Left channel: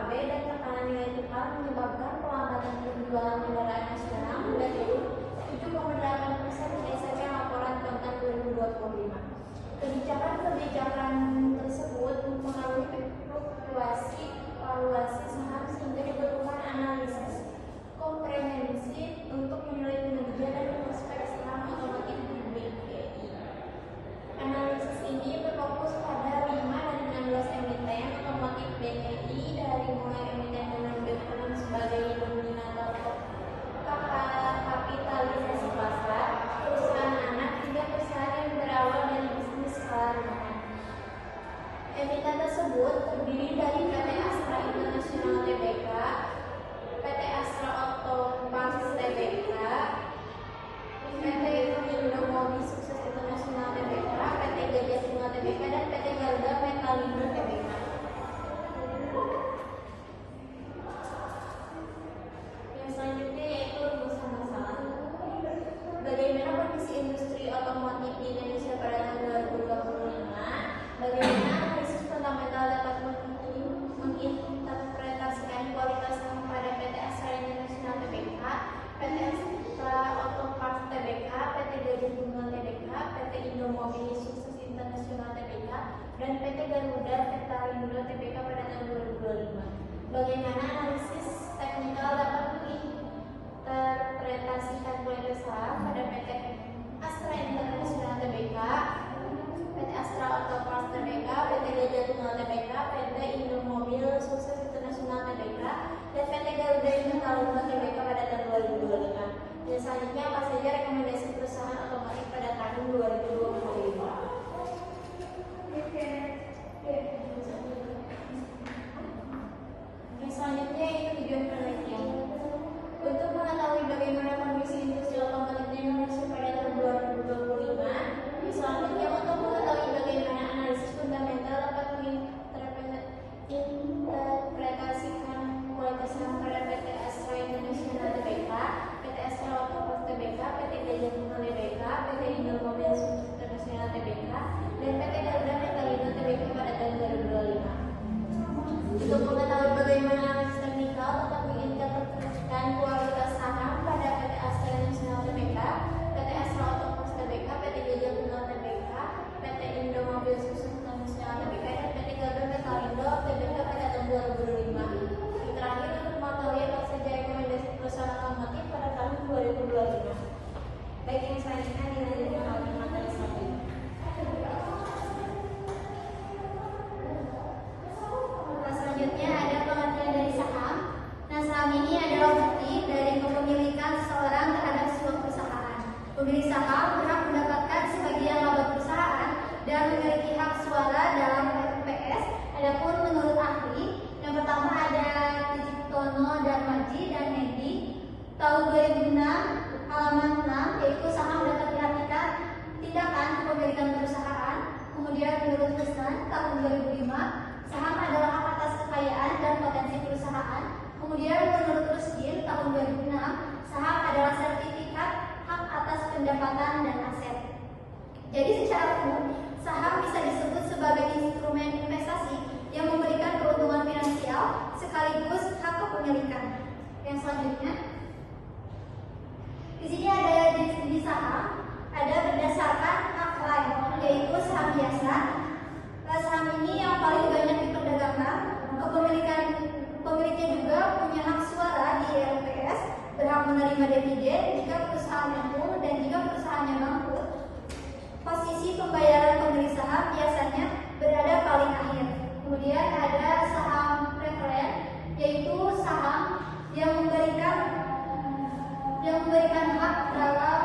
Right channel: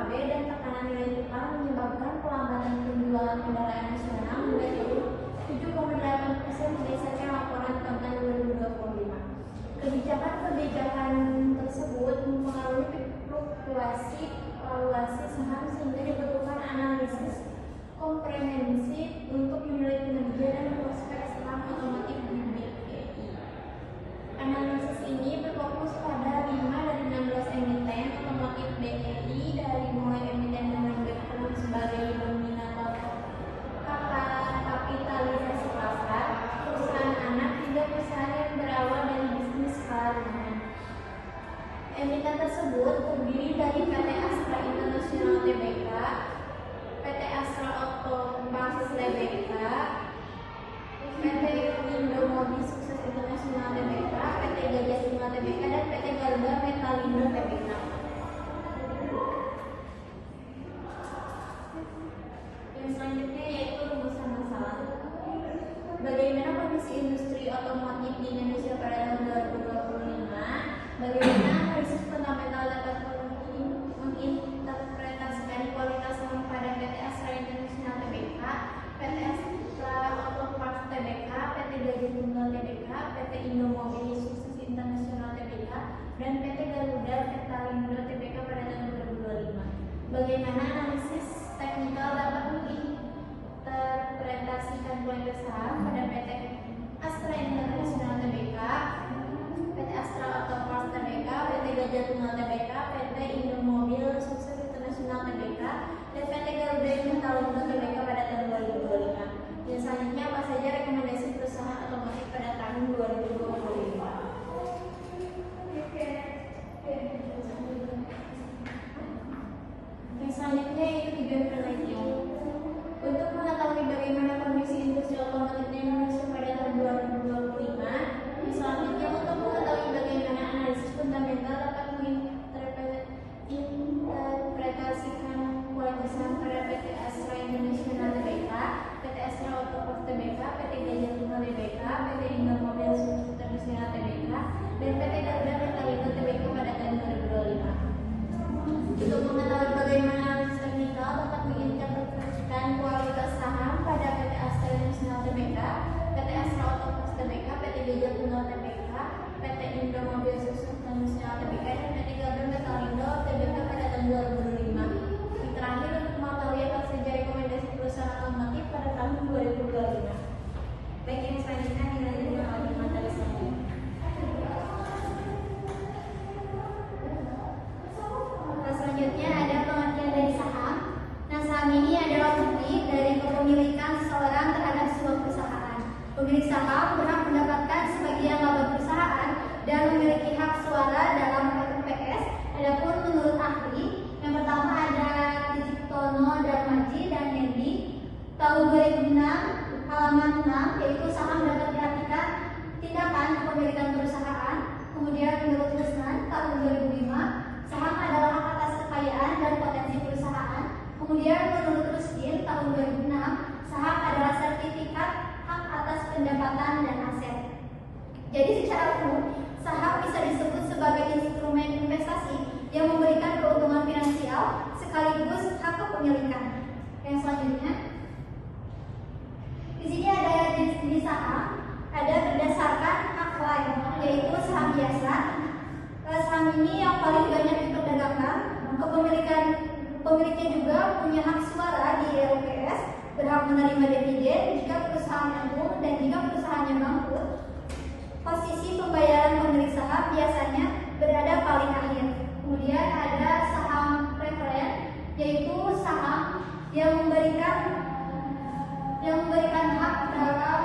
PKB dan tekanan nilai tukar menyebabkan pelambatan penjualan kendaraan nasional mulai dari 7,8% berdasarkan laporan konten 2025. Kebijakan tersebut mempengaruhi fluktuasi valuasi saham sehingga diperlukan analisis komprehensif untuk menilai kinerja dan prospek saham otomotif BPI. Analisis ini berfokus pada 5 dari 16 emiten otomotif BPI dari mulai emiten dengan berperan sebagai dominator kapitalisasi pasar, perusahaan anak hingga perusahaan yang berawal dari bisnis skala rendah. Emiten tersebut terdiri dari PT Astra International Tbk, PT Astra Auto Basis Tbk, PT Indomobil Sukses International Tbk, PT Gajah Sima Tbk, dan PT Garuda Metalindo Tbk. Yang selanjutnya yaitu rumusan masalah. Bagaimana kondisi industri otomotif di Indonesia pada tahun 2025? Bagaimana analisis fundamental dapat menginterpretasikan kualitas saham pada PT Astra International Tbk, PT Astra Auto Parts Tbk, PT Gajah Tunggal Tbk, PT Indomobil Sukses International Tbk, dan PT Garuda Metalindo Tbk pada tahun 2025. Bagaimana analisis teknikal dapat menginterpretasikan kualitas saham pada PT Astra International Tbk, PT Astra Auto Parts Tbk, PT Gajah Tunggal Tbk, PT Indomobil Sukses International Tbk, dan PT Garuda Metalindo Tbk pada tahun 2025. Dan selanjutnya apa saja rekomendasi perusahaan otomotif pada tahun 2025? Yang selanjutnya yaitu tujuan penelitian. Untuk mengetahui bagaimana kondisi industri otomotif di Indonesia pada tahun 2025, selanjutnya untuk mengetahui bagaimana analisis fundamental dapat menginterpretasikan kualitas saham pada PT Astra International Tbk, PT Astra Auto Parts Tbk, PT Gajah Tunggal Tbk, PT Indomobil Sukses International Tbk, dan PT Garuda Metalindo Tbk pada tahun 2025. Untuk mengetahui bagaimana analisis teknikal dapat menginterpretasikan kualitas saham pada PT Astra International Tbk, PT Astra Auto Parts Tbk, PT Gajah Tunggal Tbk, PT Indomobil Sukses International Tbk, dan PT Garuda Metalindo Tbk pada tahun 2005. Yang terakhir untuk mengetahui apa saja rekomendasi perusahaan otomotif pada tahun 2025. Baik, yang selanjutnya dilanjutkan oleh materi selanjutnya. Selanjutnya ada pengertian dari saham. Nah, saham ini adalah bukti dari kepemilikan seseorang terhadap sebuah perusahaan. Pemilik saham berhak mendapatkan sebagian laba perusahaan dan memiliki hak suara dalam RUPS. Adapun menurut ahli, yang pertama ada Tirtono Darmaji dan Hendi tahun 2006 halaman 6, yaitu saham dapat diartikan tindakan kepemilikan perusahaan. Kemudian menurut Lesnan tahun 2005 saham adalah hak atas kekayaan dan potensi perusahaan. Kemudian menurut Ruskin tahun 2006 saham adalah sertifikat hak atas pendapatan dan aset. Jadi secara umum saham bisa disebut sebagai instrumen investasi yang memberikan keuntungan finansial sekaligus hak kepemilikan. Yang selanjutnya, di sini ada jenis saham, ada berdasarkan hak lain, yaitu saham biasa. Saham ini yang paling banyak diperdagangkan, pemiliknya juga punya hak suara di RUPS, berhak menerima dividen jika perusahaan mampu dan jika perusahaannya bangkrut. Posisi pembayaran pemilik saham biasanya berada paling akhir. Kemudian ada saham preferen, yaitu saham yang memberikan hak dalam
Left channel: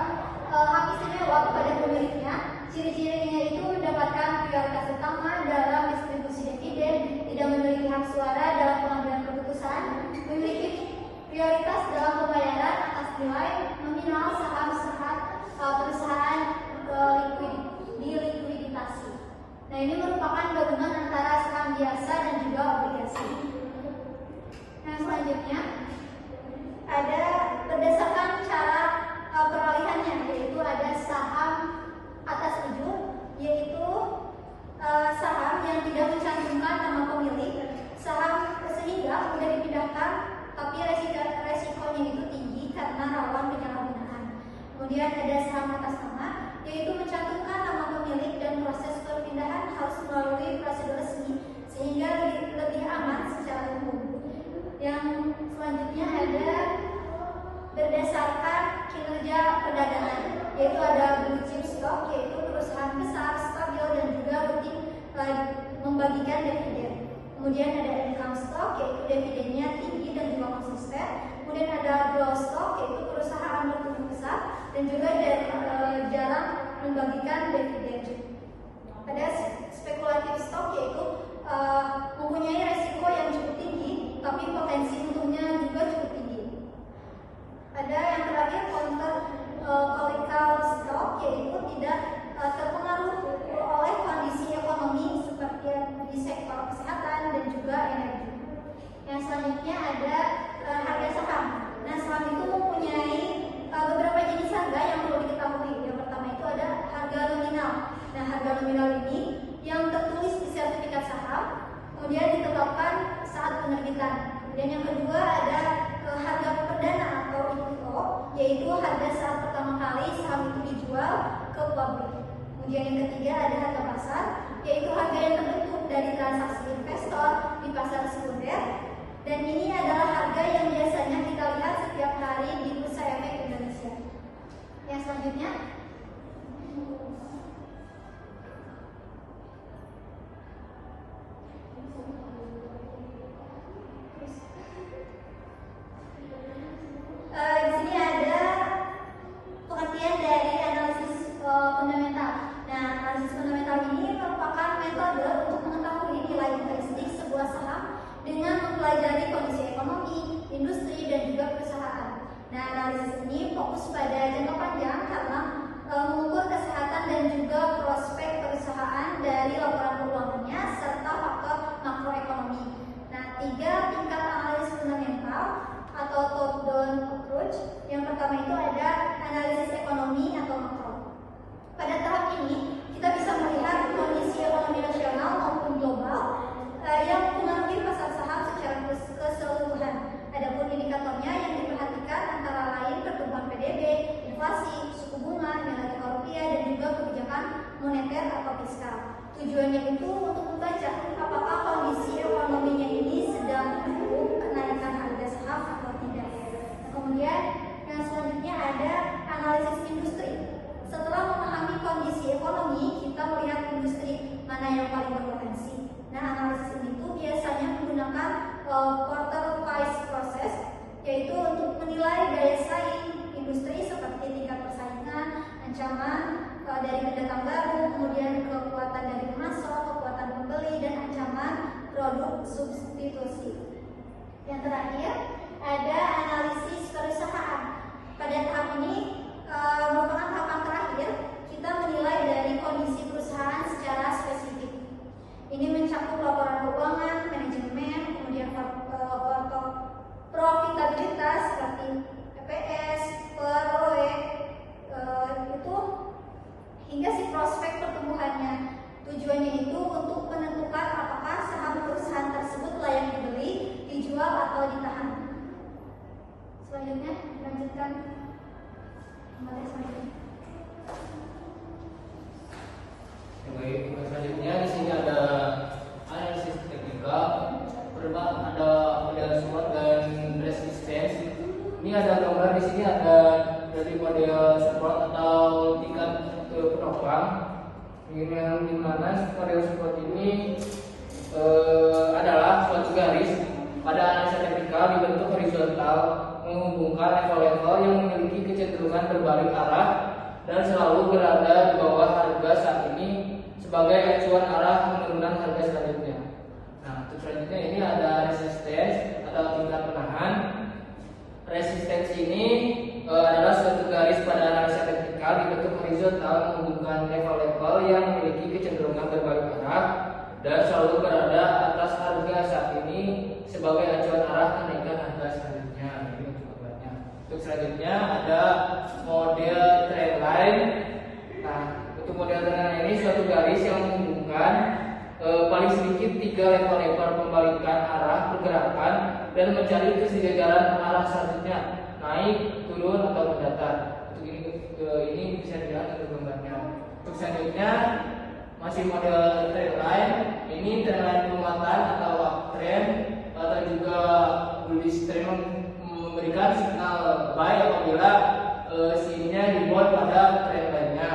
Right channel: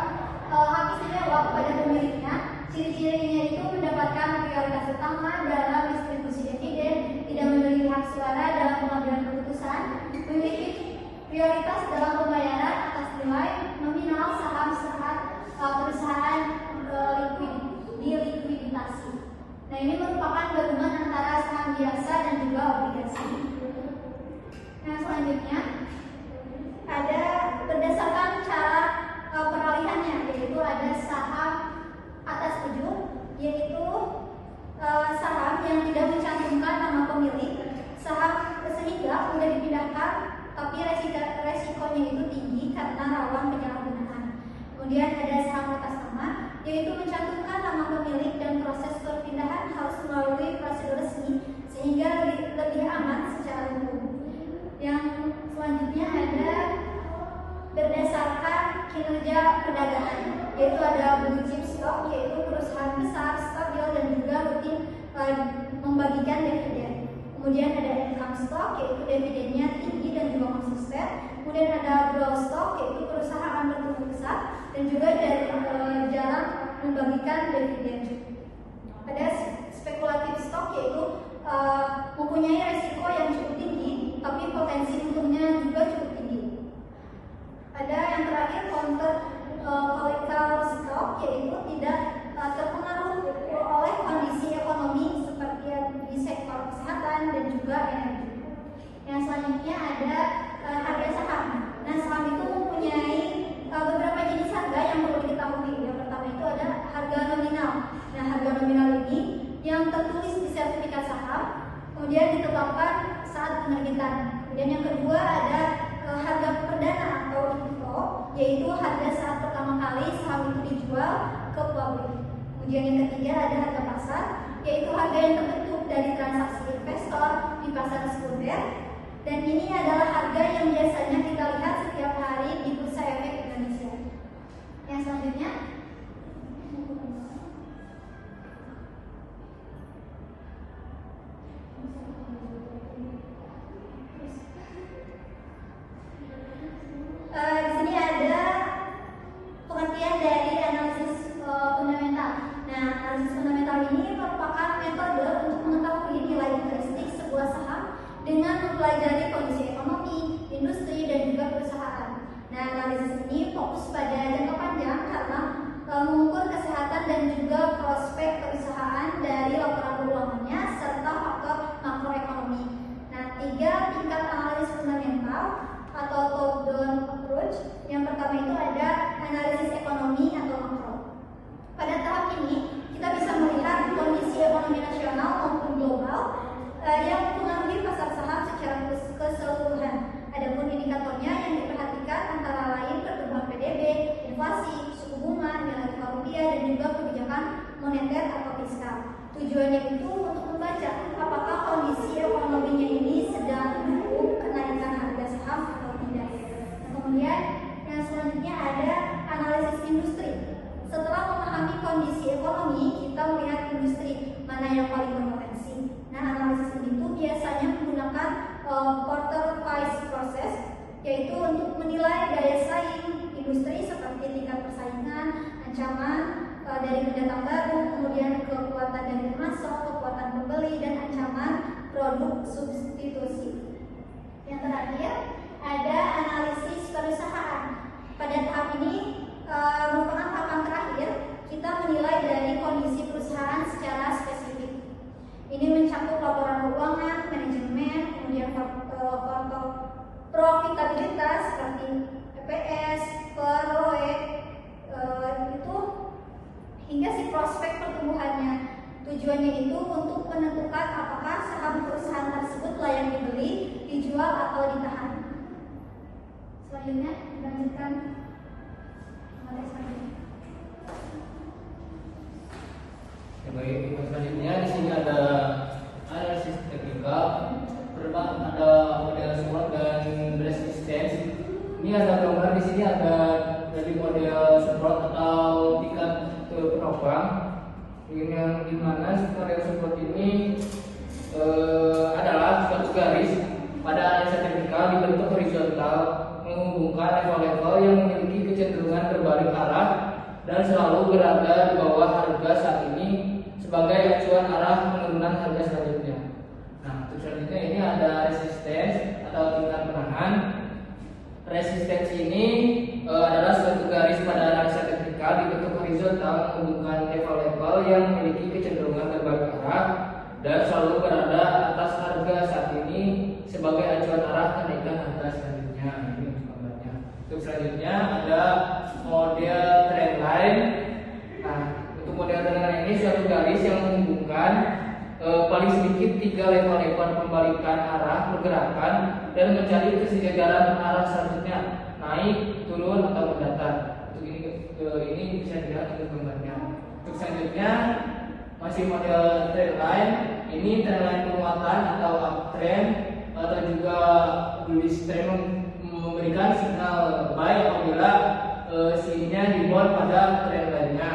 hak istimewa kepada pemiliknya. Ciri-cirinya itu mendapatkan prioritas utama dalam distribusi dividen, tidak memiliki hak suara dalam pengambilan keputusan, memiliki prioritas dalam pembayaran atas nilai nominal saham saat perusahaan likuiditasi. Nah, ini merupakan gabungan antara saham biasa dan juga obligasi. Nah, selanjutnya ada berdasarkan cara peralihannya, yaitu ada saham atas ujung, yaitu saham yang tidak mencantumkan nama pemilik, sehingga mudah dipindahkan, tapi resikonya itu tinggi karena rawan penyalahgunaan. Kemudian ada saham atas nama, yaitu mencantumkan nama pemilik dan proses perpindahan harus melalui prosedur resmi sehingga lebih aman secara hukum. Yang selanjutnya ada berdasarkan kinerja perdagangan, yaitu ada blue chip stock, yaitu perusahaan besar, stabil dan juga rutin membagikan dividen. Kemudian ada income stock, yaitu dividennya tinggi dan juga konsisten. Kemudian ada growth stock, yaitu perusahaan bertumbuh pesat dan juga jarang membagikan dividen. Ada spekulatif stock, yaitu mempunyai resiko yang cukup tinggi, tapi potensi untungnya juga cukup tinggi. Ada yang terakhir counter cyclical stock, yaitu tidak terpengaruh oleh kondisi ekonomi seperti di sektor kesehatan dan juga energi. Yang selanjutnya ada harga saham. Nah, saham itu mempunyai beberapa jenis harga yang perlu diketahui. Yang pertama itu ada harga nominal. Nah, harga nominal ini yang tertulis di sertifikat saham, kemudian ditetapkan saat penerbitan. Kemudian yang kedua ada harga perdana atau IPO, yaitu harga saat pertama kali saham itu dijual ke publik. Kemudian yang ketiga ada harga pasar, yaitu harga yang terbentuk dari transaksi investor di pasar sekunder. Dan ini adalah harga yang biasanya kita lihat setiap hari di Bursa Efek Indonesia. Yang selanjutnya di sini ada pengertian dari analisis fundamental. Nah, analisis fundamental ini merupakan metode untuk mengetahui nilai intrinsik sebuah saham dengan mempelajari kondisi ekonomi, industri, dan juga perusahaan. Nah, analisis ini fokus pada jangka panjang karena mengukur kesehatan dan juga prospek perusahaan dari laporan keuangannya serta faktor makroekonomi. Nah, 3 tingkat analisis fundamental atau top-down approach. Yang pertama itu ada analisis ekonomi atau makro. Pada tahap ini kita bisa melihat kondisi ekonomi nasional maupun global yang mempengaruhi pasar saham secara keseluruhan. Adapun indikatornya yang diperhatikan antara lain pertumbuhan PDB, inflasi, suku bunga, nilai tukar rupiah, dan juga kebijakan moneter atau fiskal. Tujuannya itu untuk membaca apakah kondisi ekonominya ini sedang mendukung kenaikan harga saham atau tidak. Nah, kemudian yang selanjutnya ada analisis industri. Setelah memahami kondisi ekonomi, kita melihat industri mana yang paling berpotensi. Nah, analisis ini tuh biasanya menggunakan quarter price process, yaitu untuk menilai daya saing industri seperti tingkat persaingan, ancaman dari pendatang baru, kemudian kekuatan dari pemasok, kekuatan pembeli, dan ancaman produk substitusi. Yang terakhir ada analisis perusahaan. Pada tahap ini merupakan tahapan terakhir, kita menilai dari kondisi perusahaan secara spesifik. Ini mencakup laporan keuangan, manajemen, kemudian faktor profitabilitas seperti EPS, ROE, itu hingga si prospek pertumbuhannya. Tujuannya itu untuk menentukan apakah saham perusahaan tersebut layak dibeli, dijual atau ditahan. Selanjutnya dilanjutkan materi selanjutnya. Baik, selanjutnya di sini ada analisis teknikal, ada model support dan resistance. Ini ada gambar di sini ada dari model support atau tingkat penopang. Yang dimana model support ini adalah suatu garis pada analisa teknikal dibentuk horizontal menghubungkan level-level yang memiliki kecenderungan berbalik arah dan selalu berada di bawah harga saat ini sebagai acuan arah penurunan harga selanjutnya. Nah, untuk selanjutnya ini ada resistance atau tingkat penahan. Resistance ini adalah suatu garis pada analisa teknikal dibentuk horizontal menghubungkan level-level yang memiliki kecenderungan berbalik arah dan selalu berada atas harga saat ini sebagai acuan arah kenaikan harga selanjutnya. Ini untuk gambarnya. Untuk selanjutnya ada model trendline. Nah, untuk model trendline ini suatu garis yang menghubungkan paling sedikit 3 level-level pembalikan arah pergerakan dan mencari kesejajaran arah selanjutnya, naik, turun, atau mendatar. Untuk ini bisa dilihat untuk gambarnya. Untuk selanjutnya masih model trendline. Ini trendline penguatan atau uptrend atau juga bullish trend, memberikan signal buy apabila sininya dibuat pada trend lainnya.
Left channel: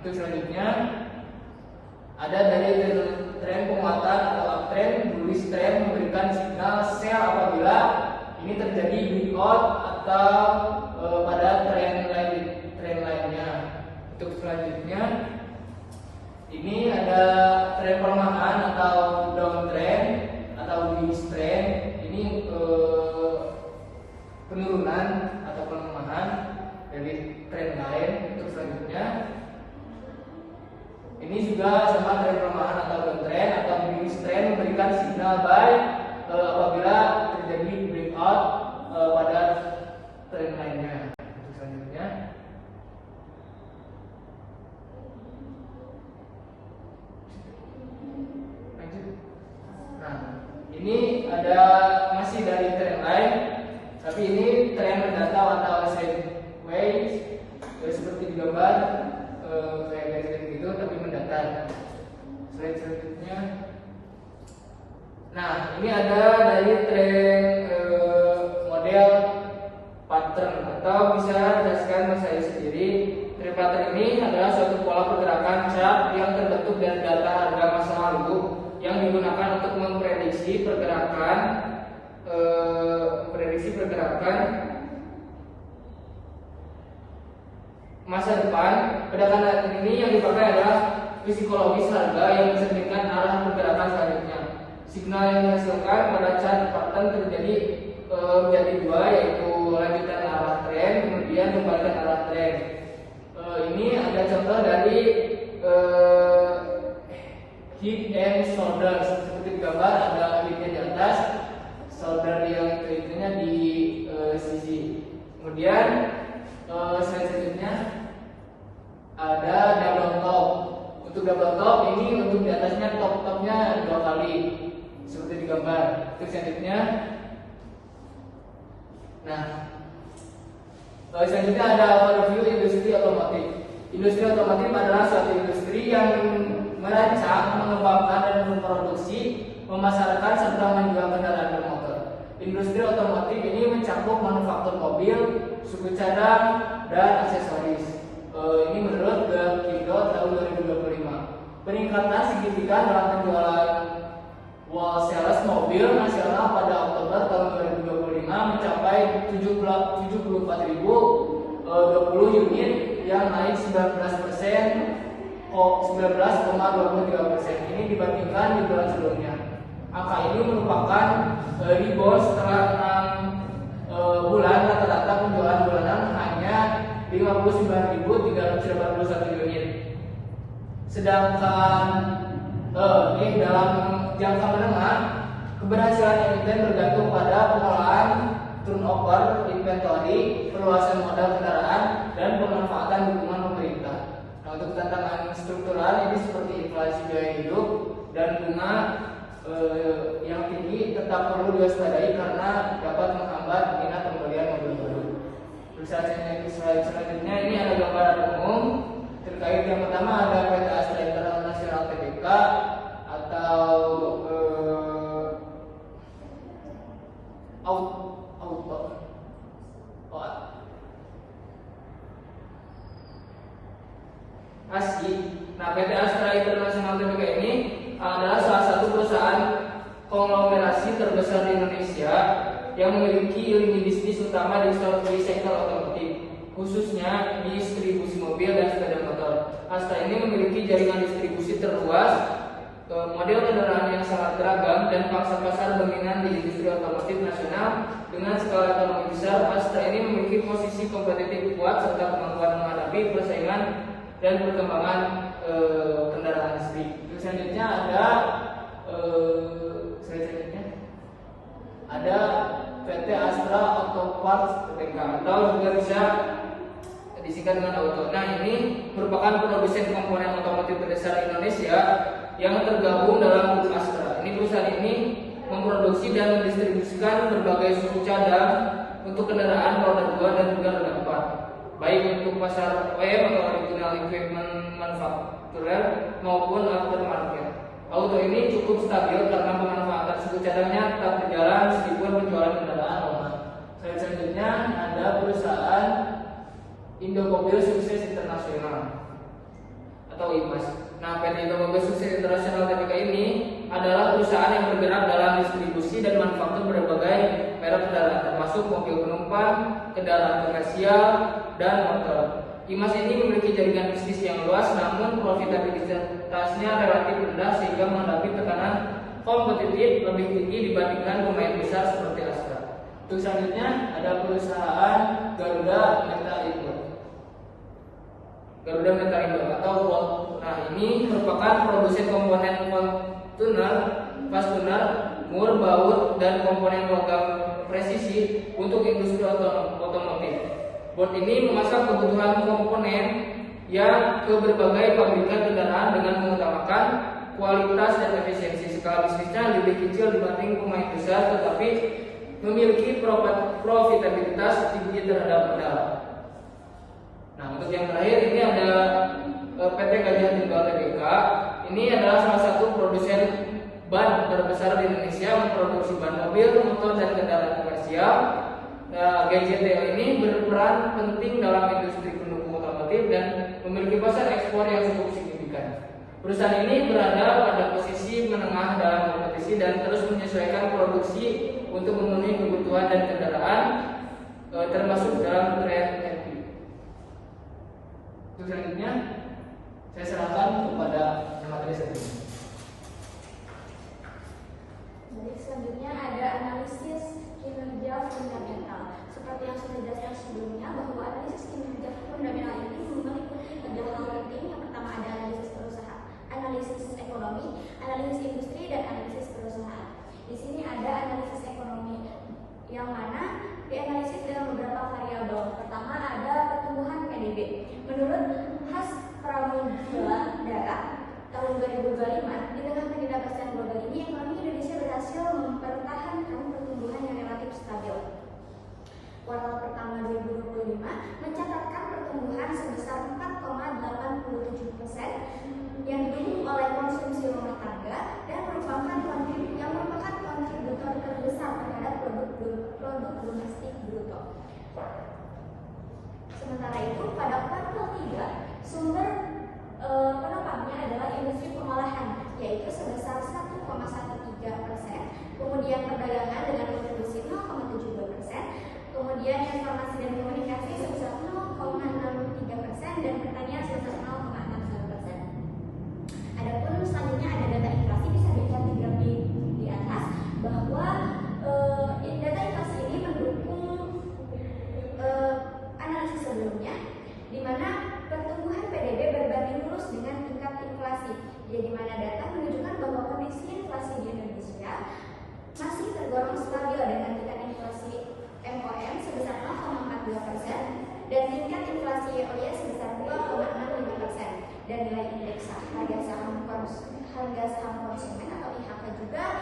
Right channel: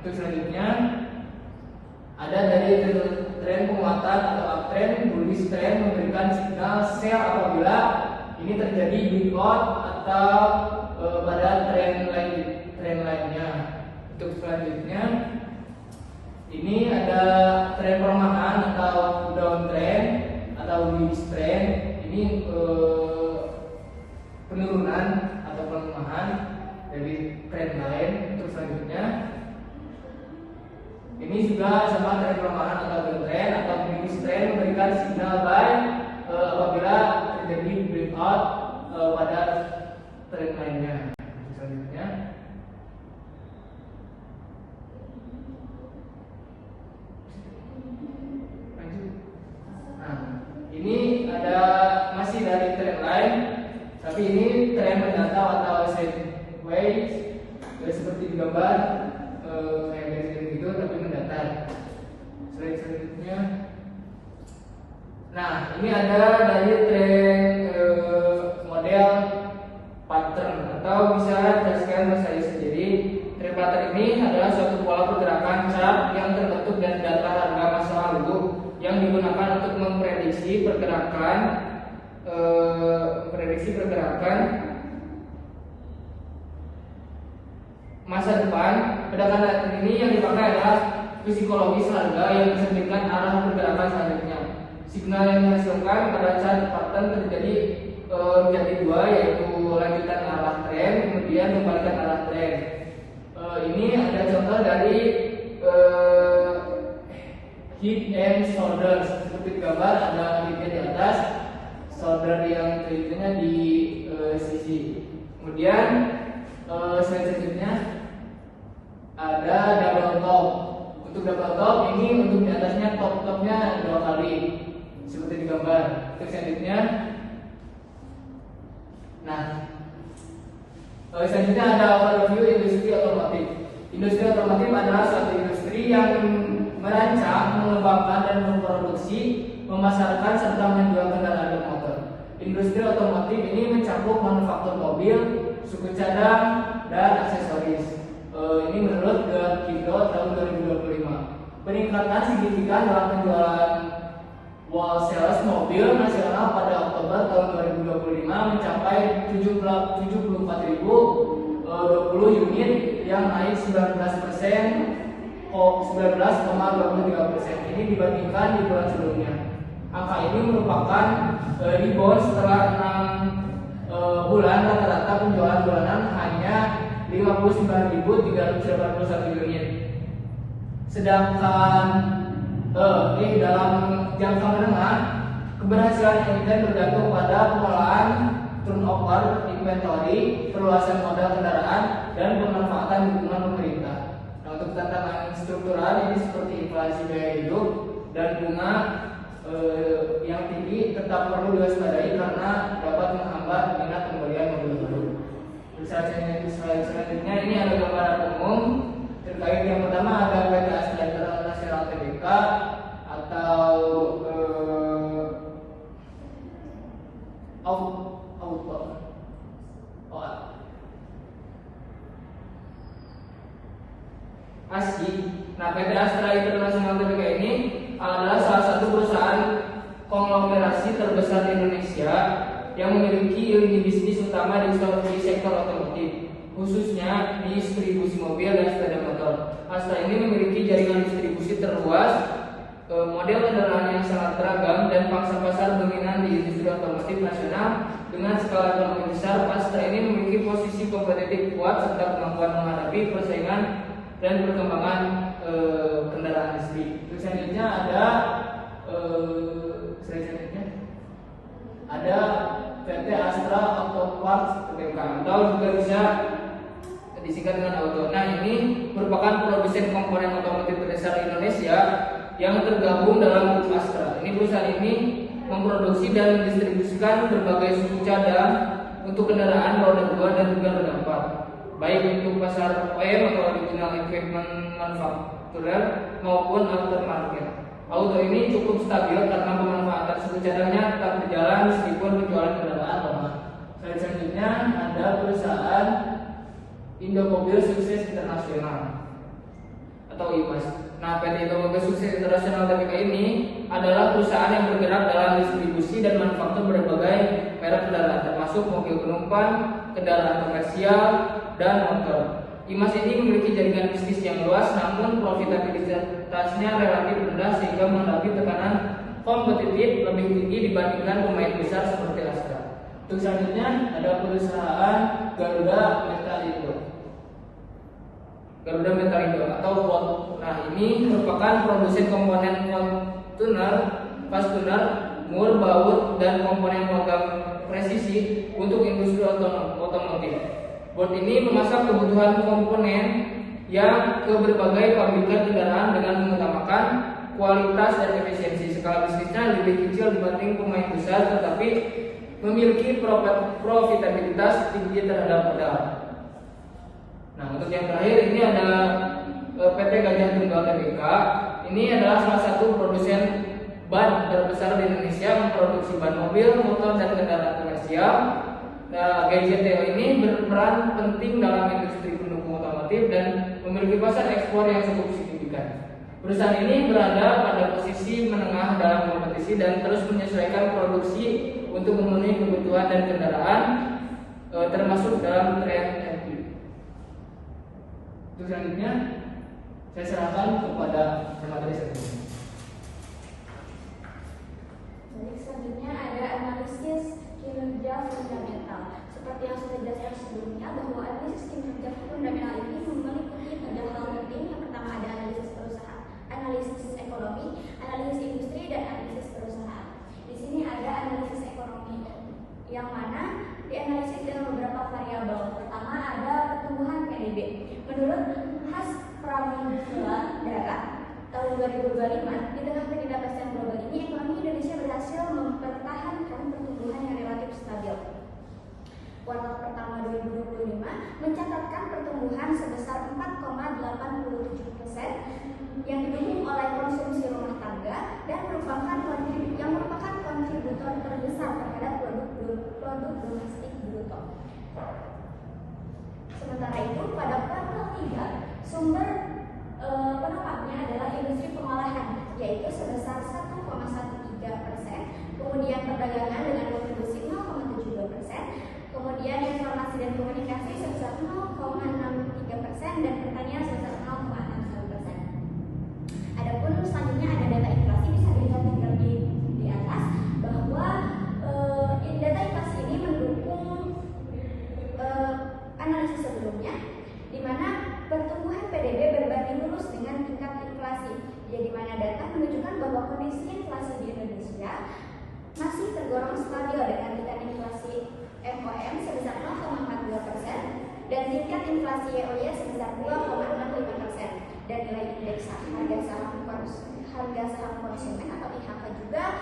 Untuk selanjutnya ada dari tren penguatan atau uptrend. Bullish trend memberikan signal sell apabila ini terjadi breakout atau pada tren lainnya. Untuk selanjutnya ini ada tren pelemahan atau downtrend atau bullish trend. Ini penurunan atau pelemahan dari tren lain. Untuk selanjutnya ini juga sama tren pelemahan atau downtrend atau bullish trend memberikan signal buy apabila terjadi breakout pada tren lainnya. Untuk selanjutnya lanjut. Nah, ini ada masih dari tren lain, tapi ini tren mendatang atau sideways seperti di gambar kayak gitu, tapi mendatar. Selanjutnya, nah ini ada dari tren model pattern atau bisa dijelaskan bahasa saya sendiri. Tren pattern ini adalah suatu pola pergerakan chart yang terbentuk dari data harga masa lalu yang digunakan untuk memprediksi pergerakan masa depan. Pada data ini yang dipakai adalah psikologis harga yang mencerminkan arah pergerakan selanjutnya. Signal yang dihasilkan pada chart pattern terjadi menjadi dua, yaitu lanjutan arah tren kemudian kembalikan arah tren. Ini ada contoh dari head and shoulders. Seperti gambar ada headnya di atas, shoulder yang itunya di sisi. Kemudian selanjutnya ada double top. Untuk double top ini untuk di atasnya top-topnya 2 kali seperti di gambar. Untuk selanjutnya, nah selanjutnya ada overview industri otomotif. Industri otomotif adalah suatu industri yang merancang, mengembangkan dan memproduksi, memasarkan serta menjual kendaraan bermotor. Industri otomotif ini mencakup manufaktur mobil, suku cadang, dan aksesoris. Ini menurut Gapkindo tahun 2025. Peningkatan signifikan dalam penjualan wall sales mobil nasional pada Oktober tahun 2025 mencapai 74.020 unit yang naik 19,23% ini dibandingkan di bulan sebelumnya. Angka ini merupakan rebound setelah 6 bulan rata-rata penjualan bulanan hanya 59.381 unit. Sedangkan ini dalam jangka menengah, keberhasilan emiten bergantung pada pengelolaan turnover inventory, perluasan modal kendaraan, dan pemanfaatan dukungan pemerintah. Nah, untuk tantangan struktural ini seperti inflasi biaya hidup dan bunga yang tinggi tetap perlu diwaspadai karena dapat menghambat minat pembelian mobil baru. Selanjutnya ini ada gambaran umum terkait. Yang pertama ada PT Astra International Tbk atau ASI. Nah, PT Astra International Tbk ini adalah salah satu perusahaan konglomerasi terbesar di Indonesia yang memiliki lini bisnis utama di sektor otomotif, khususnya distribusi mobil dan sepeda motor. Astra ini memiliki jaringan distribusi terluas, model kendaraan yang sangat beragam, dan pangsa pasar dominan di industri otomotif nasional. Dengan skala ekonomi besar, Astra ini memiliki posisi kompetitif kuat serta kemampuan menghadapi persaingan dan perkembangan kendaraan listrik. Selanjutnya ada PT Astra Auto Parts Tbk atau juga bisa disingkat dengan Auto. Nah, ini merupakan produsen komponen otomotif terbesar di Indonesia yang tergabung dalam grup Astra. Ini perusahaan ini memproduksi dan mendistribusikan berbagai suku cadang untuk kendaraan roda 2 dan juga roda 4, baik untuk pasar OEM atau original equipment manufacturer maupun aftermarket. Auto ini cukup stabil karena pemanfaatan suku cadangnya tetap berjalan meskipun penjualan kendaraan lemah. Selanjutnya ada perusahaan Indomobil Sukses Internasional atau IMAS. Nah, PT Indomobil Sukses Internasional Tbk ini adalah perusahaan yang bergerak dalam distribusi dan manufaktur berbagai merek kendaraan, termasuk mobil penumpang, kendaraan komersial, dan motor. IMAS ini memiliki jaringan bisnis yang luas, namun profitabilitasnya relatif rendah sehingga menghadapi tekanan kompetitif lebih tinggi dibandingkan pemain besar seperti Astra. Untuk selanjutnya ada perusahaan Garuda Metalindo. Garuda Metalindo atau Volt. Nah, ini merupakan produsen komponen fastener, mur, baut, dan komponen logam presisi untuk industri otomotif. Volt ini memasang kebutuhan komponen yang ke berbagai pabrikan kendaraan dengan mengutamakan kualitas dan efisiensi. Skala bisnisnya lebih kecil dibanding pemain besar, tetapi memiliki profitabilitas tinggi terhadap modal. Nah, untuk yang terakhir ini ada PT Gajah Tunggal Tbk. Ini adalah salah satu produsen ban terbesar di Indonesia, memproduksi ban mobil, motor, dan kendaraan komersial. Nah, GJTO ini berperan penting dalam industri pendukung otomotif dan memiliki pasar ekspor yang cukup signifikan. Perusahaan ini berada pada posisi menengah dalam kompetisi dan terus menyesuaikan produksi untuk memenuhi kebutuhan dan kendaraan, termasuk dalam tren EV. Untuk selanjutnya, saya serahkan kepada pemateri selanjutnya. Baik, selanjutnya ada analisis kinerja fundamental. Seperti yang sudah dijelaskan sebelumnya, bahwa analisis kinerja fundamental ini meliputi 3 hal penting. Yang pertama ada analisis perusahaan, analisis ekonomi, analisis industri, dan analisis perusahaan. Di sini ada analisis ekonomi, yang mana dianalisis dengan beberapa variabel. Pertama ada pertumbuhan PDB. Menurut Has Pramodara tahun 2025, di tengah ketidakpastian global ini, ekonomi Indonesia berhasil mempertahankan pertumbuhan yang relatif stabil. Kuartal pertama 2025 mencatatkan pertumbuhan sebesar 4,87% yang didukung oleh konsumsi rumah tangga dan merupakan kontributor terbesar terhadap produk domestik bruto. Sementara itu, pada kuartal 3 sumber penopangnya adalah industri pengolahan, yaitu sebesar 1,13%, kemudian perdagangan dengan kontribusi 0,72%, kemudian informasi dan komunikasi sebesar 0,63%, dan pertanian sebesar 0,61%. Adapun selanjutnya ada data inflasi, bisa dilihat di graf di atas bahwa data inflasi ini mendukung analisis sebelumnya, di mana pertumbuhan PDB berbanding lurus dengan tingkat inflasi. Jadi mana data menunjukkan bahwa kondisi inflasi di Indonesia masih tergolong stabil dengan tingkat inflasi MOM sebesar 0,42% dan tingkat inflasi YoY sebesar 2,65%, dan nilai indeks harga saham konsumen atau IHK juga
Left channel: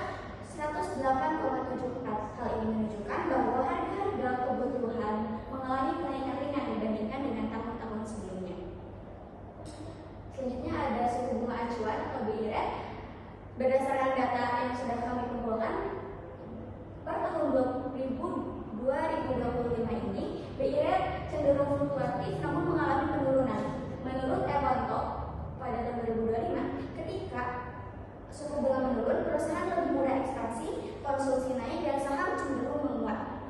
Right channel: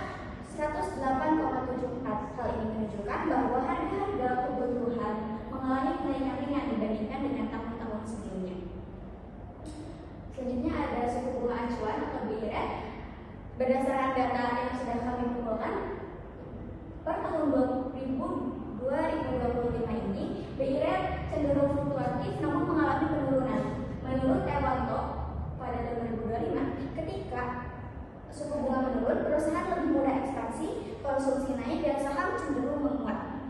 108,74. Hal ini menunjukkan bahwa harga kebutuhan mengalami kenaikan ringan dibandingkan dengan tahun-tahun sebelumnya. Selanjutnya ada suku bunga acuan atau BI rate. Berdasarkan data yang sudah kami kumpulkan, per tahun 2025 ini BI rate cenderung fluktuatif namun mengalami penurunan. Menurut Ewanto pada tahun 2025, ketika suku bunga menurun, perusahaan lebih mudah ekspansi, konsumsi naik, dan saham cenderung menguat.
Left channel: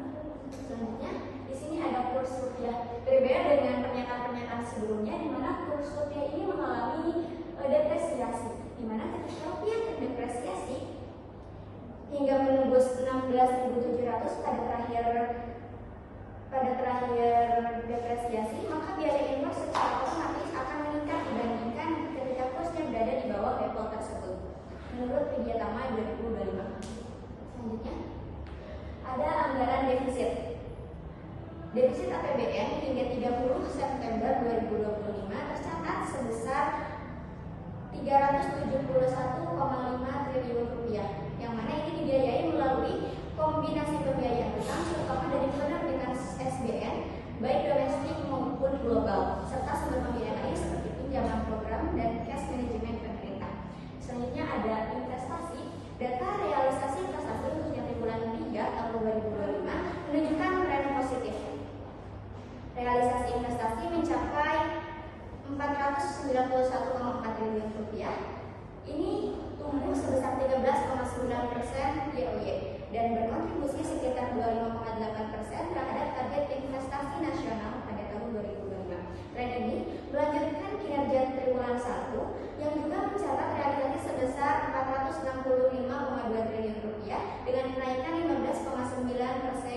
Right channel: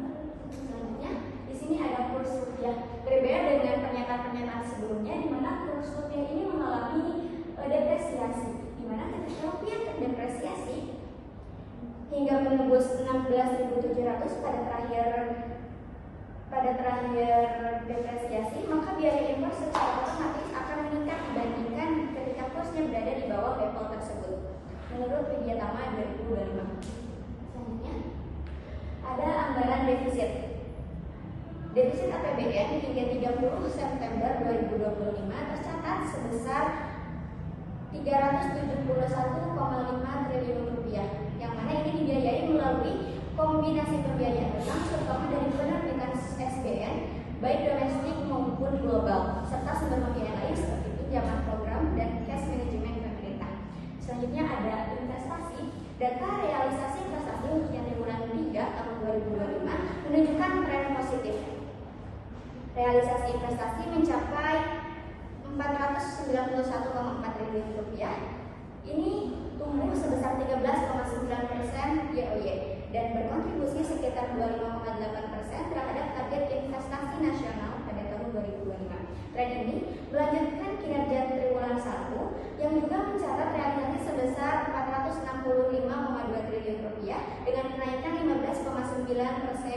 Selanjutnya, di sini ada kurs rupiah. Berbeda dengan pernyataan-pernyataan sebelumnya, di mana kurs rupiah ini mengalami depresiasi, di mana ketika rupiah terdepresiasi hingga menembus 16.700 pada terakhir depresiasi, maka biaya impor secara otomatis akan meningkat dibandingkan ketika kursnya berada di bawah level tersebut. Menurut Widyatama 2025. Selanjutnya ada anggaran defisit. Defisit APBN hingga 30 September 2025 tercatat sebesar 371,5 triliun rupiah, yang mana ini dibiayai melalui kombinasi pembiayaan utang terutama dari penerbitan SBN baik domestik maupun global, serta sumber pembiayaan lain seperti pinjaman program dan cash management pemerintah. Selanjutnya ada investasi. Data realisasi investasi untuk yang triwulan 3 tahun 2025 menunjukkan tren positif. Realisasi investasi mencapai 491,4 triliun rupiah. Ini tumbuh sebesar 13,9% year-on-year dan berkontribusi sekitar 25,8% terhadap target investasi nasional pada tahun 2025. Tren ini melanjutkan kinerja triwulan 1 yang juga mencatat realisasi sebesar 465,2 triliun rupiah dengan kenaikan 15,9%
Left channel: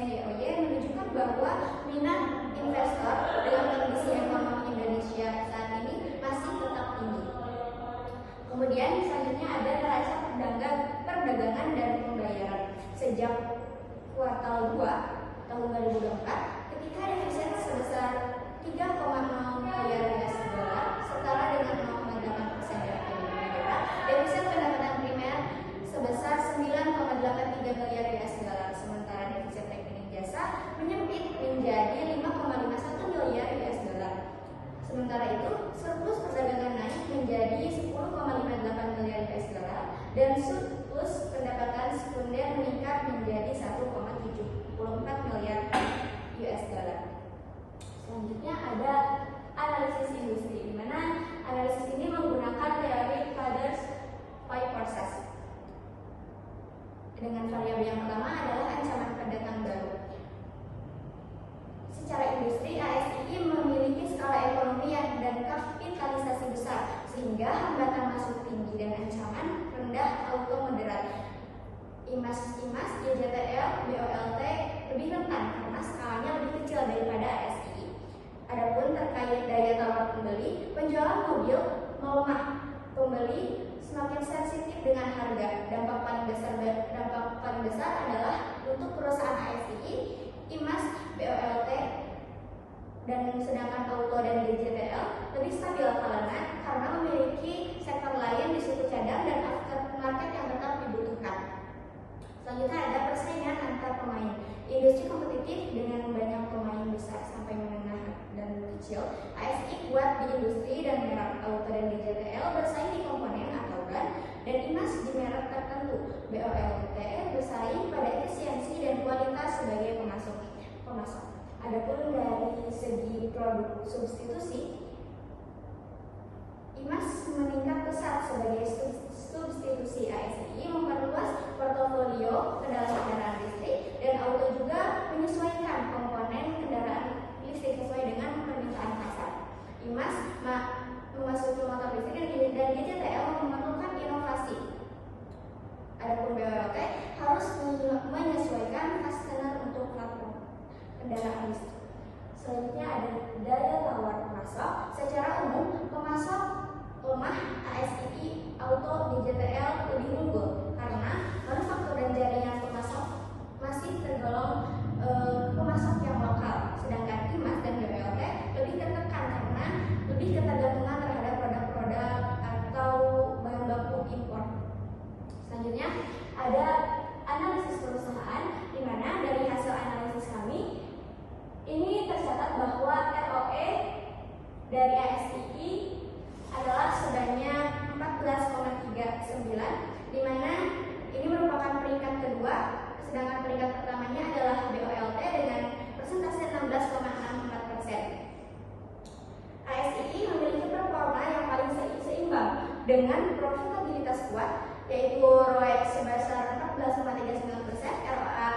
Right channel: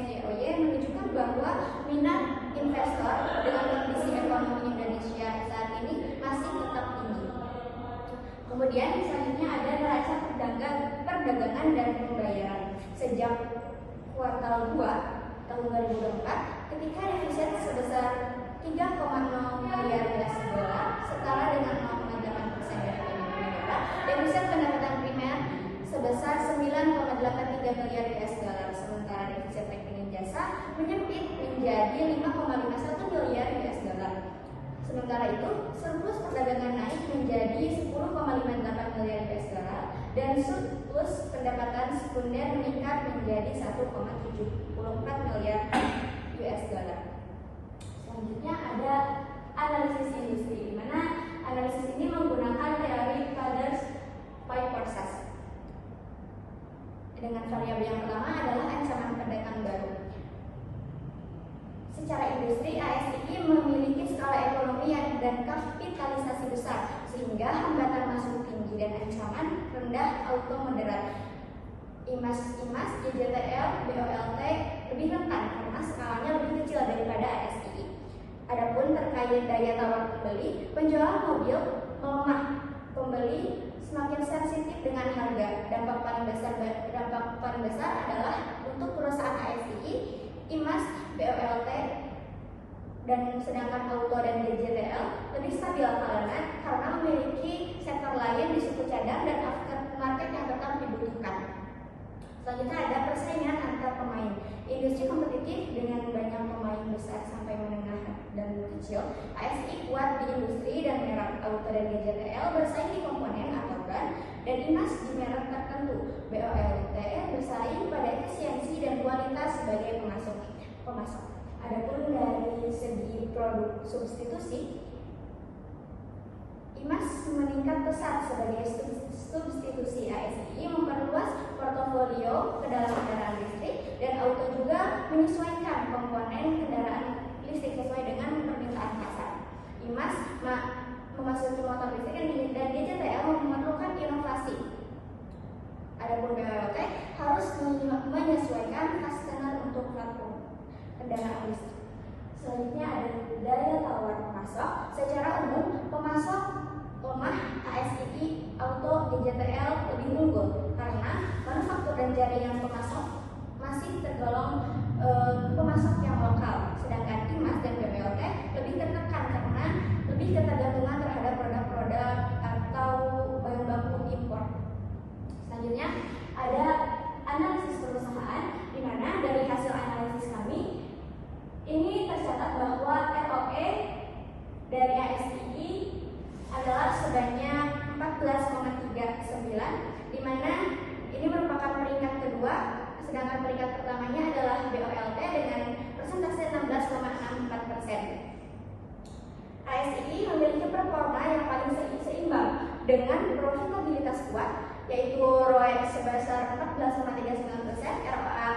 year-on-year, menunjukkan bahwa minat investor dengan kondisi ekonomi Indonesia saat ini masih tetap tinggi. Kemudian selanjutnya ada neraca perdagangan dan pembayaran. Sejak kuartal 2 tahun 2024, ketika defisit sebesar 3,0 miliar US dollar setara dengan 0,8% dari PDB negara, defisit pendapatan primer sebesar 9,83 miliar US dollar, sementara defisit rekening jasa menyempit menjadi 5,51 miliar US dollar. Sementara itu, surplus perdagangan naik menjadi 10,58 miliar US dollar dan surplus pendapatan sekunder meningkat menjadi 1,74 miliar US dollar. Selanjutnya ada analisis industri, di mana analisis ini menggunakan teori Calder's Five Forces. Dengan variabel yang pertama adalah ancaman pendatang baru. Secara industri, ASI memiliki skala ekonomi dan kapitalisasi besar, sehingga hambatan masuk tinggi dan ancaman rendah auto moderat. IMAS, JJTL, BOLT lebih rentan karena skalanya lebih kecil daripada ASI. Adapun terkait daya tawar pembeli, penjualan mobil melemah, pembeli semakin sensitif dengan harga. Dampak paling besar adalah untuk perusahaan ASI, IMAS, BOLT, dan sedangkan auto dan DJTL lebih stabil karena memiliki sektor lain di suku cadang dan aftermarket yang tetap dibutuhkan. Selanjutnya ada persaingan antar pemain. Industri kompetitif dengan banyak pemain besar sampai menengah dan kecil. ASI kuat di industri dan merek auto dan DJTL bersaing di komponen atau ban, dan IMAS di merek tertentu. BOLT bersaing pada efisiensi dan kualitas sebagai pemasok. Adapun dari segi produk substitusi, IMAS meningkat pesat sebagai substitusi ASI, memperluas portofolio ke dalam kendaraan listrik, dan auto juga menyesuaikan komponen kendaraan listrik sesuai dengan permintaan pasar. IMAS memasuki motor listrik dan DJTL memerlukan inovasi. Adapun BOLT harus menyesuaikan customer untuk platform kendaraan listrik. Selanjutnya ada daya tawar pemasok. Secara umum, pemasok lemah, ASI, auto, DJTL lebih unggul karena manufaktur dan jaringan pemasok masih tergolong pemasok yang lokal, sedangkan IMAS dan BOLT lebih tertekan karena lebih ketergantungan terhadap produk-produk atau bahan baku impor. Selanjutnya ada analisis perusahaan, di mana dari hasil analisis kami ini tercatat bahwa ROE dari ASI adalah sebanyak 14,39, di mana ini merupakan peringkat kedua, sedangkan peringkat pertamanya adalah BOLT dengan persentase 16,64%. ASI memiliki performa yang paling seimbang dengan profitabilitas kuat, yaitu ROE sebesar 14,39%, ROA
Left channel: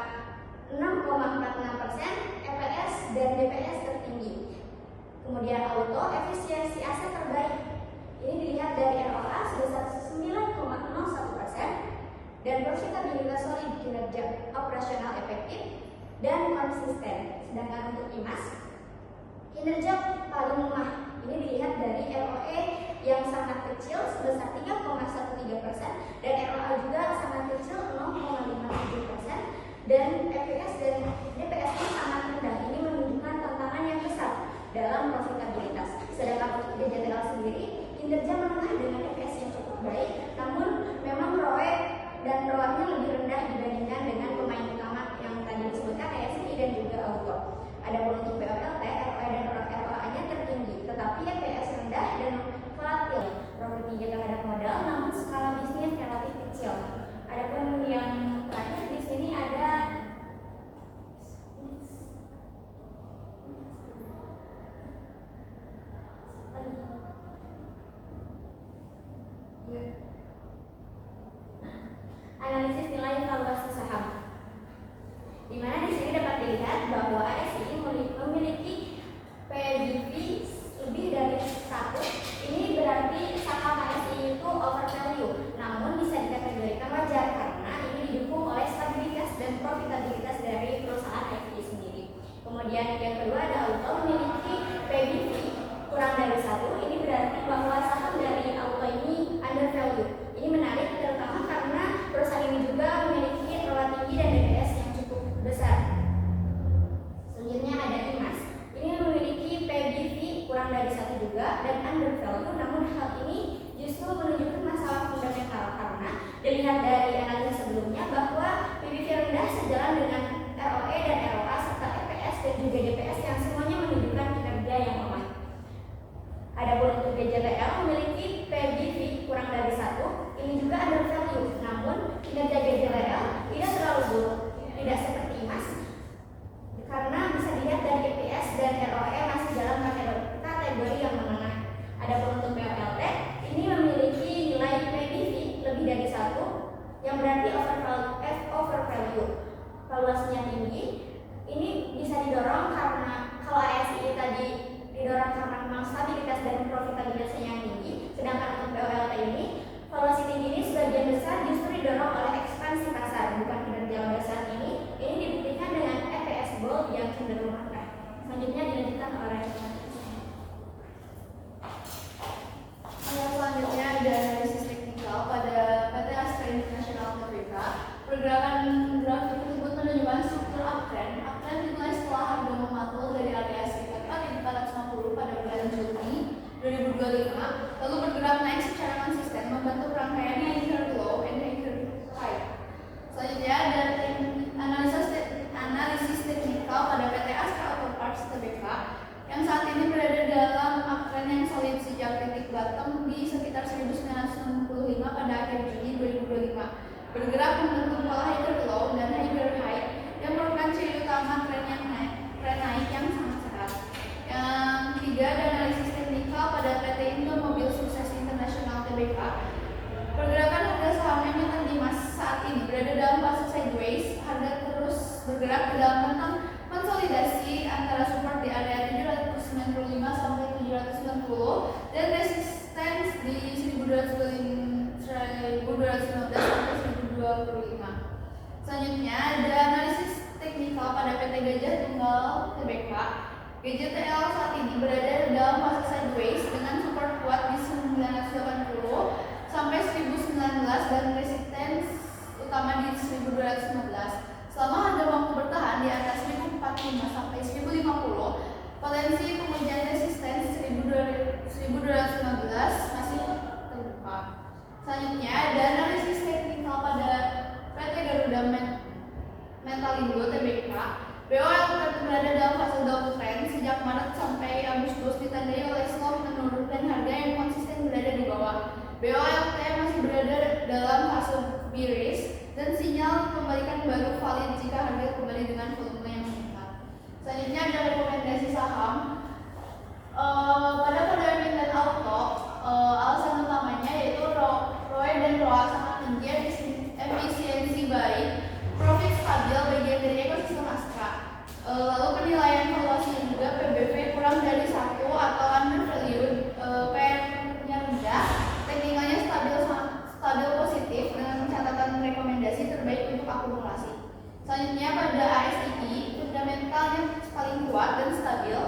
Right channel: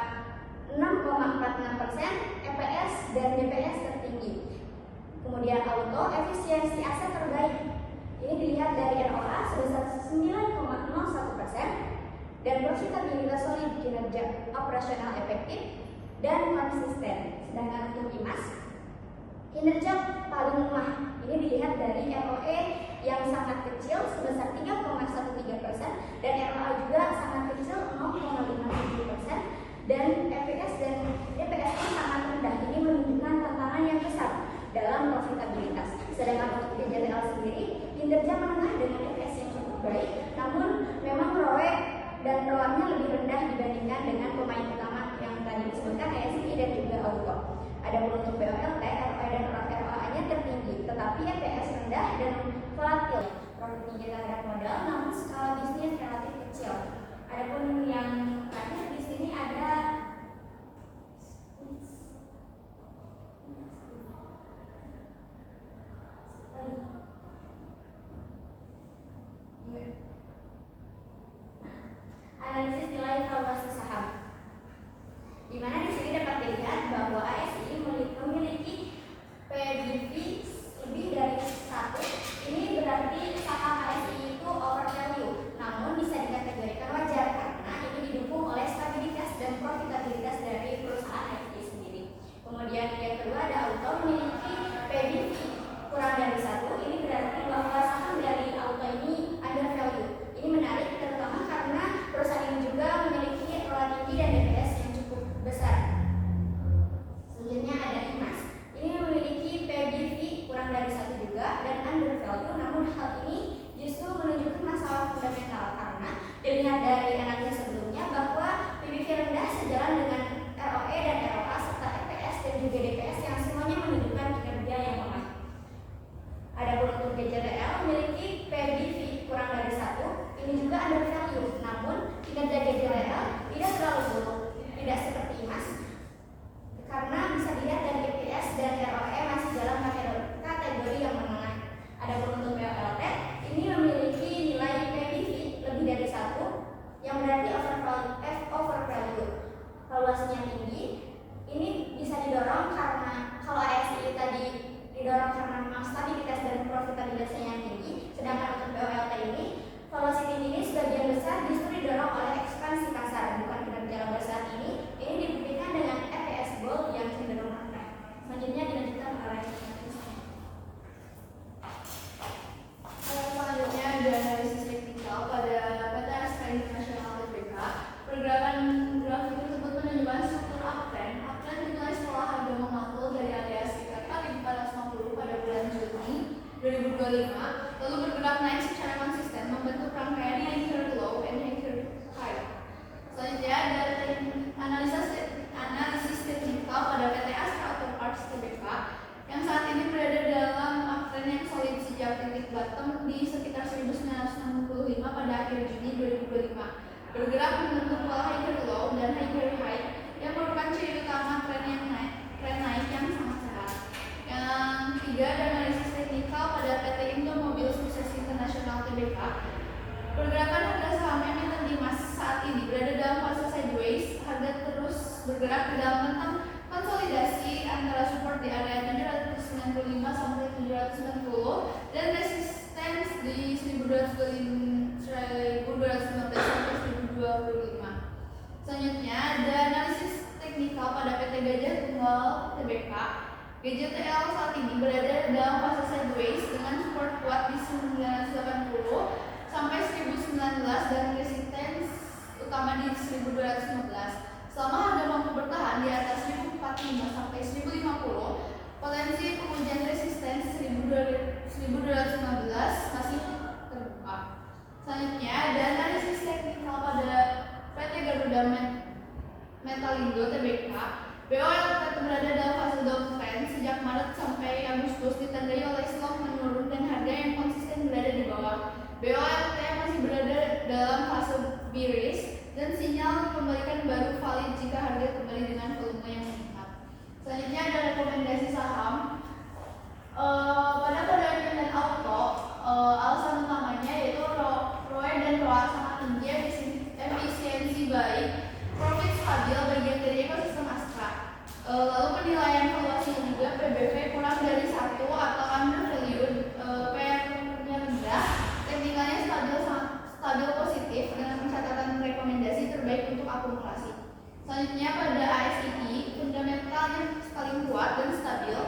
6,46%, EPS dan DPS tertinggi. Kemudian auto, efisiensi aset terbaik. Ini dilihat dari ROA sebesar 9,01% dan profitabilitas solid, kinerja operasional efektif dan konsisten. Sedangkan untuk IMAS, kinerja paling lemah. Ini dilihat dari ROE yang sangat kecil sebesar 3,13% dan ROA juga sangat kecil 0,57%. Dan EPS dan DPS pun sangat rendah. Ini menunjukkan tantangan yang besar dalam profitabilitas. Sedangkan untuk DJTL sendiri, kinerja menengah dengan EPS yang baik, namun memang ROE dan ROA-nya lebih rendah dibandingkan dengan pemain utama yang tadi disebutkan ASI dan juga Auto. Adapun untuk BOLT, ROE dan ROA-nya tertinggi, tetapi EPS rendah dan volatil. Profit tinggi terhadap modal, namun skala bisnis relatif kecil. Adapun yang terakhir di sini ada analisis nilai valuasi saham, di mana di sini dapat dilihat bahwa ASI memiliki PBV lebih dari 1. Ini berarti saham ASI itu overvalue, namun bisa dikategorikan wajar karena ini didukung oleh stabilitas dan profitabilitas dari perusahaan ASI sendiri. Kemudian yang kedua ada Auto memiliki PBV kurang dari 1. Ini berarti bahwa saham dari Auto ini undervalue. Ini menarik terutama karena perusahaan ini juga memiliki ROA tinggi dan EPS yang cukup besar. Selanjutnya ada IMAS. Ini memiliki PBV kurang dari 1 juga dan undervalue, namun hal ini justru menunjukkan masalah fundamental karena dilihat dari analisis sebelumnya bahwa PBV rendah sejalan dengan ROE dan ROA serta EPS dan juga DPS yang semuanya menunjukkan kinerja yang lemah. Adapun untuk DJTL memiliki PBV kurang dari 1. Ini juga undervalue, namun kinerja DJTL tidak terlalu buruk, tidak seperti IMAS karena bisa dilihat dari EPS dan ROE masih dalam kategori yang menengah. Adapun untuk BOLT ini memiliki nilai PBV lebih dari 1 yang berarti overvalue. Valuasinya tinggi. Ini bisa didorong karena kalau ASI tadi didorong karena memang stabilitas dan profitabilitasnya yang tinggi, sedangkan untuk BOLT ini valuasi tinggi ini sebagian besar justru didorong oleh ekspansi pasar, bukan kinerja laba saat ini. Ini dibuktikan dengan EPS bold yang cenderung rendah. Selanjutnya dilanjutkan oleh selanjutnya ada analisis teknikal pada PT Astra International Tbk. Pergerakan grafik tersebut menunjukkan struktur uptrend. Uptrend dimulai setelah harga memantul dari area sekitar kaki 450 pada bulan Juni 2025, lalu bergerak naik secara konsisten membentuk rangkaian anchor low and anchor high. Selanjutnya ada analisis teknikal pada PT Astra Auto Parts Tbk yang saat ini berada dalam uptrend yang solid sejak titik bottom di sekitar 1965 pada akhir Juni 2025. Bergerak membentuk pola higher low dan higher high yang merupakan ciri utama tren naik yang sangat sehat. Yang ketiga ada analisis teknikal pada PT Indomobil Sukses International Tbk. Pergerakan harga saham emiten Dimas saat ini berada dalam fase sideways. Harga terus bergerak di dalam rentang konsolidasi antara support di area 795 sampai 790 dan resistance di 1215 sampai 1025. Selanjutnya ada analisis teknikal pada PT Gajah Tunggal Tbk. GJTL saat ini berada dalam fase sideways dengan support kuat di 980 sampai 1019 dan resistance utama di 1215. Selama harga mampu bertahan di atas 1045 sampai 1050, potensi pengujian resistance 1215 masih terbuka. Selanjutnya ada analisis teknikal pada PT Garuda Metalindo Tbk. BOLT berada dalam fase downtrend sejak Maret sampai Agustus ditandai oleh slope menurun dan harga yang konsisten berada di bawah. BOLT masih berada dalam fase bearish dan sinyal pembalikan baru valid jika harga kembali dengan volume yang meningkat. Selanjutnya ada rekomendasi saham. Pada emiten Auto, alasan utamanya yaitu ROE dan ROA sangat tinggi, efisiensi baik, profit stabil bagian dari ekosistem Astra. Lalu penilaian valuasinya juga PBV kurang dari 1 atau undervalued, PE-nya rendah, teknikalnya stabil positif dengan catatan rekomendasi terbaik untuk akumulasi. Selanjutnya pada ASI, fundamentalnya paling kuat dan stabil,